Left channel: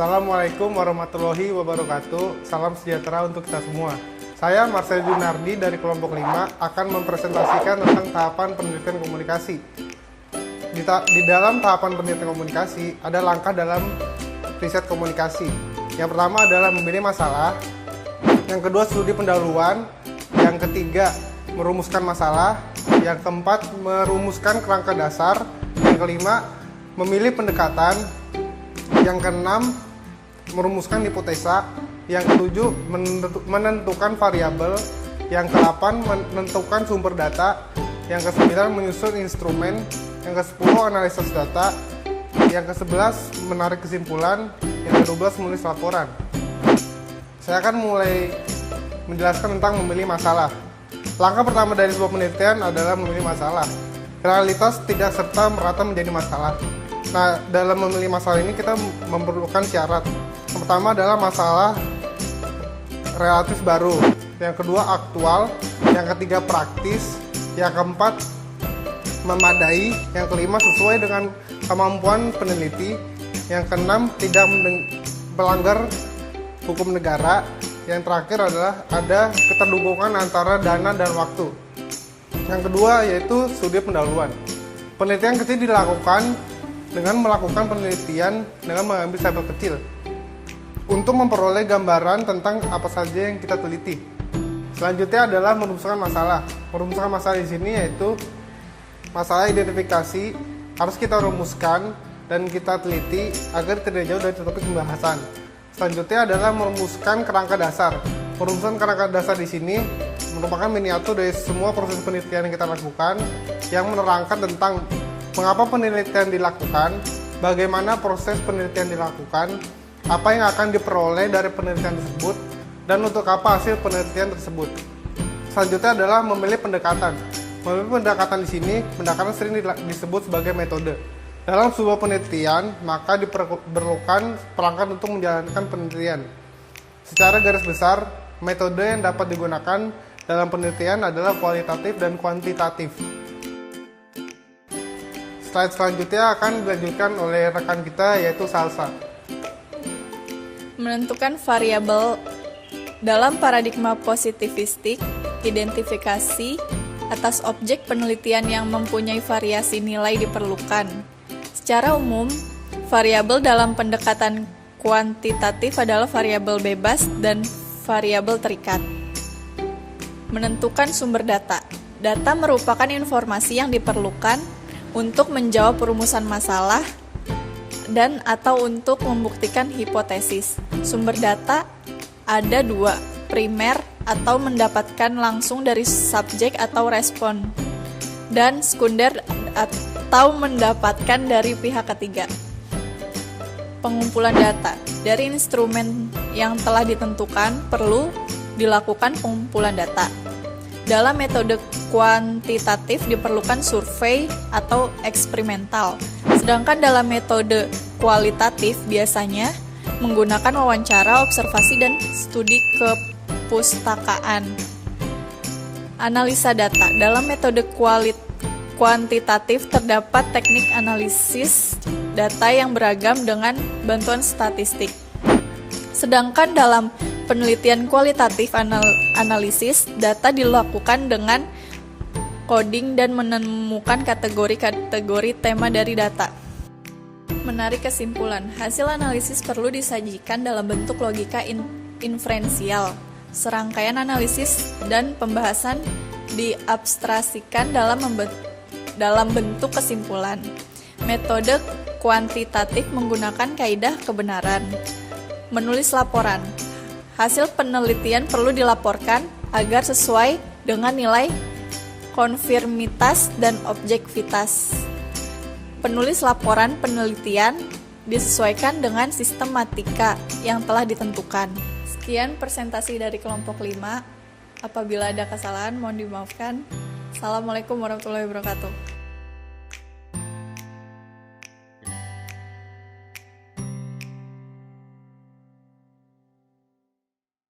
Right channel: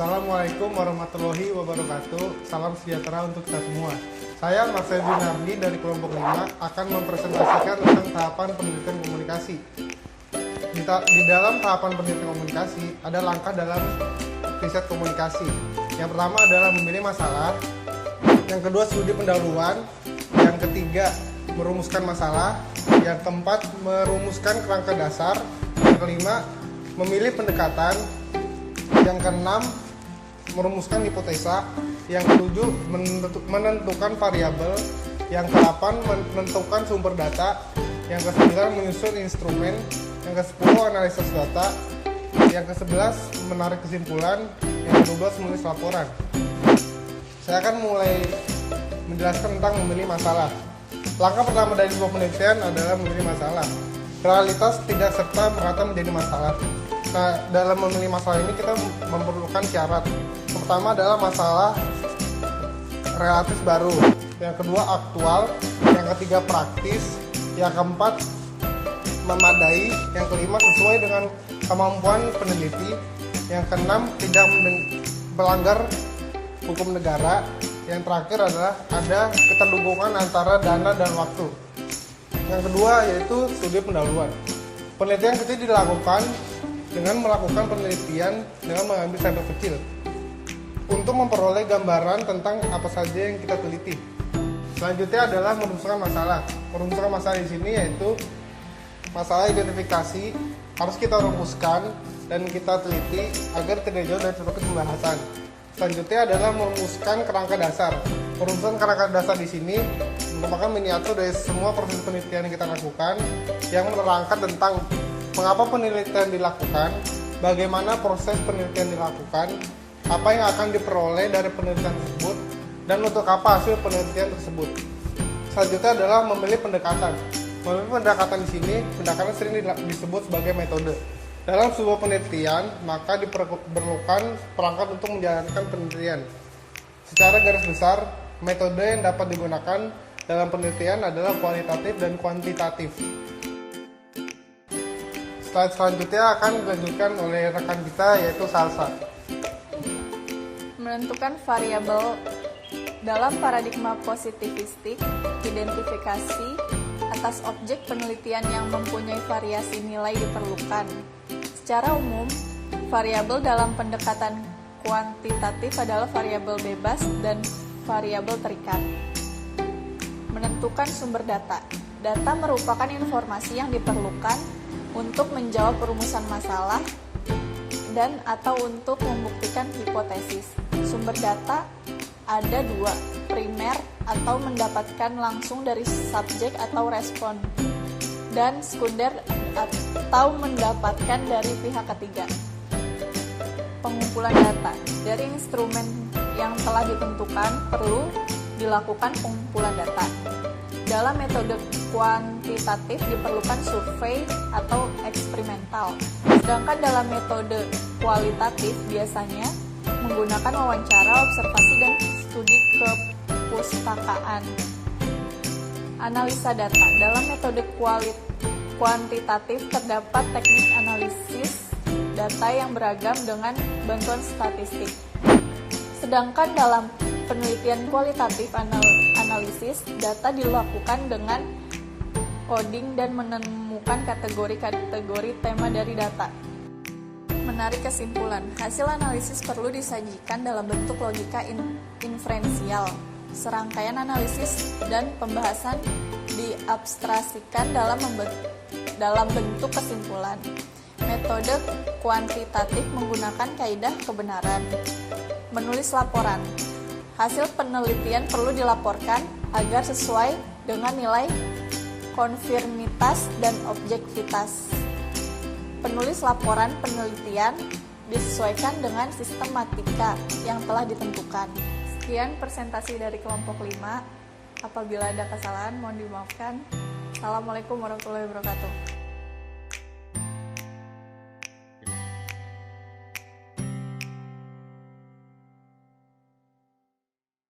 Assalamualaikum warahmatullahi wabarakatuh. Salam sejahtera untuk kita semua. Saya Marcel Junardi dari kelompok 5 akan mempresentasikan tentang tahapan penelitian komunikasi. Di dalam tahapan penelitian komunikasi ada langkah dalam riset komunikasi. Yang pertama adalah memilih masalah. Yang kedua, studi pendahuluan. Yang ketiga, merumuskan masalah. Yang keempat, merumuskan kerangka dasar. Yang kelima, memilih pendekatan. Yang keenam, merumuskan hipotesa. Yang ketujuh, menentukan variabel. Yang kedelapan, menentukan sumber data. Yang kesembilan, menyusun instrumen. Yang ke-10, analisis data. Yang ke-11, menarik kesimpulan. Yang ke-12, menulis laporan. Saya akan mulai menjelaskan tentang memilih masalah. Langkah pertama dari sebuah penelitian adalah memilih masalah. Realitas tidak serta merata menjadi masalah. Nah, dalam memilih masalah ini kita memerlukan syarat. Pertama adalah masalah relatif baru. Yang kedua, aktual. Yang ketiga, praktis. Yang keempat, memadai. Yang kelima, sesuai dengan kemampuan peneliti. Yang keenam, tidak melanggar hukum negara. Yang terakhir adalah ada keterhubungan antara dana dan waktu. Yang kedua yaitu studi pendahuluan. Penelitian kecil dilakukan dengan melakukan penelitian dengan mengambil sampel kecil untuk memperoleh gambaran tentang apa saja yang kita teliti. Selanjutnya adalah merumuskan masalah. Merumuskan masalah di sini yaitu masalah identifikasi harus kita rumuskan dan kita teliti agar tidak jauh dari topik pembahasan. Selanjutnya adalah merumuskan kerangka dasar. Merumuskan kerangka dasar di sini merupakan miniatur dari semua proses penelitian yang kita lakukan yang menerangkan tentang mengapa penelitian dilakukan, bagaimana proses penelitian dilakukan, apa yang akan diperoleh dari penelitian tersebut, dan untuk apa hasil penelitian tersebut. Selanjutnya adalah memilih pendekatan. Memilih pendekatan di sini, pendekatan sering disebut sebagai metode. Dalam sebuah penelitian, maka diperlukan perangkat untuk menjalankan penelitian. Secara garis besar, metode yang dapat digunakan dalam penelitian adalah kualitatif dan kuantitatif. Slide selanjutnya akan dilanjutkan oleh rekan kita yaitu Salsa. Menentukan variabel dalam paradigma positivistik, identifikasi atas objek penelitian yang mempunyai variasi nilai diperlukan. Secara umum, variabel dalam pendekatan kuantitatif adalah variabel bebas dan variabel terikat. Menentukan sumber data. Data merupakan informasi yang diperlukan untuk menjawab perumusan masalah dan atau untuk membuktikan hipotesis. Sumber data ada dua, primer atau mendapatkan langsung dari subjek atau respon, dan sekunder atau mendapatkan dari pihak ketiga. Pengumpulan data. Dari instrumen yang telah ditentukan perlu dilakukan pengumpulan data. Dalam metode kuantitatif diperlukan survei atau eksperimental. Sedangkan dalam metode kualitatif biasanya menggunakan wawancara, observasi, dan studi kepustakaan. Analisa data. Dalam metode kuantitatif terdapat teknik analisis data yang beragam dengan bantuan statistik. Sedangkan dalam penelitian kualitatif analisis data dilakukan dengan coding dan menemukan kategori-kategori tema dari data. Menarik kesimpulan. Hasil analisis perlu disajikan dalam bentuk logika inferensial. Serangkaian analisis dan pembahasan diabstrasikan dalam bentuk kesimpulan. Metode kuantitatif menggunakan kaidah kebenaran. Menulis laporan. Hasil penelitian perlu dilaporkan agar sesuai dengan nilai konfirmitas dan objektivitas. Penulis laporan penelitian disesuaikan dengan sistematika yang telah ditentukan. Sekian presentasi dari kelompok 5. Apabila ada kesalahan mohon dimaafkan. Assalamualaikum warahmatullahi wabarakatuh.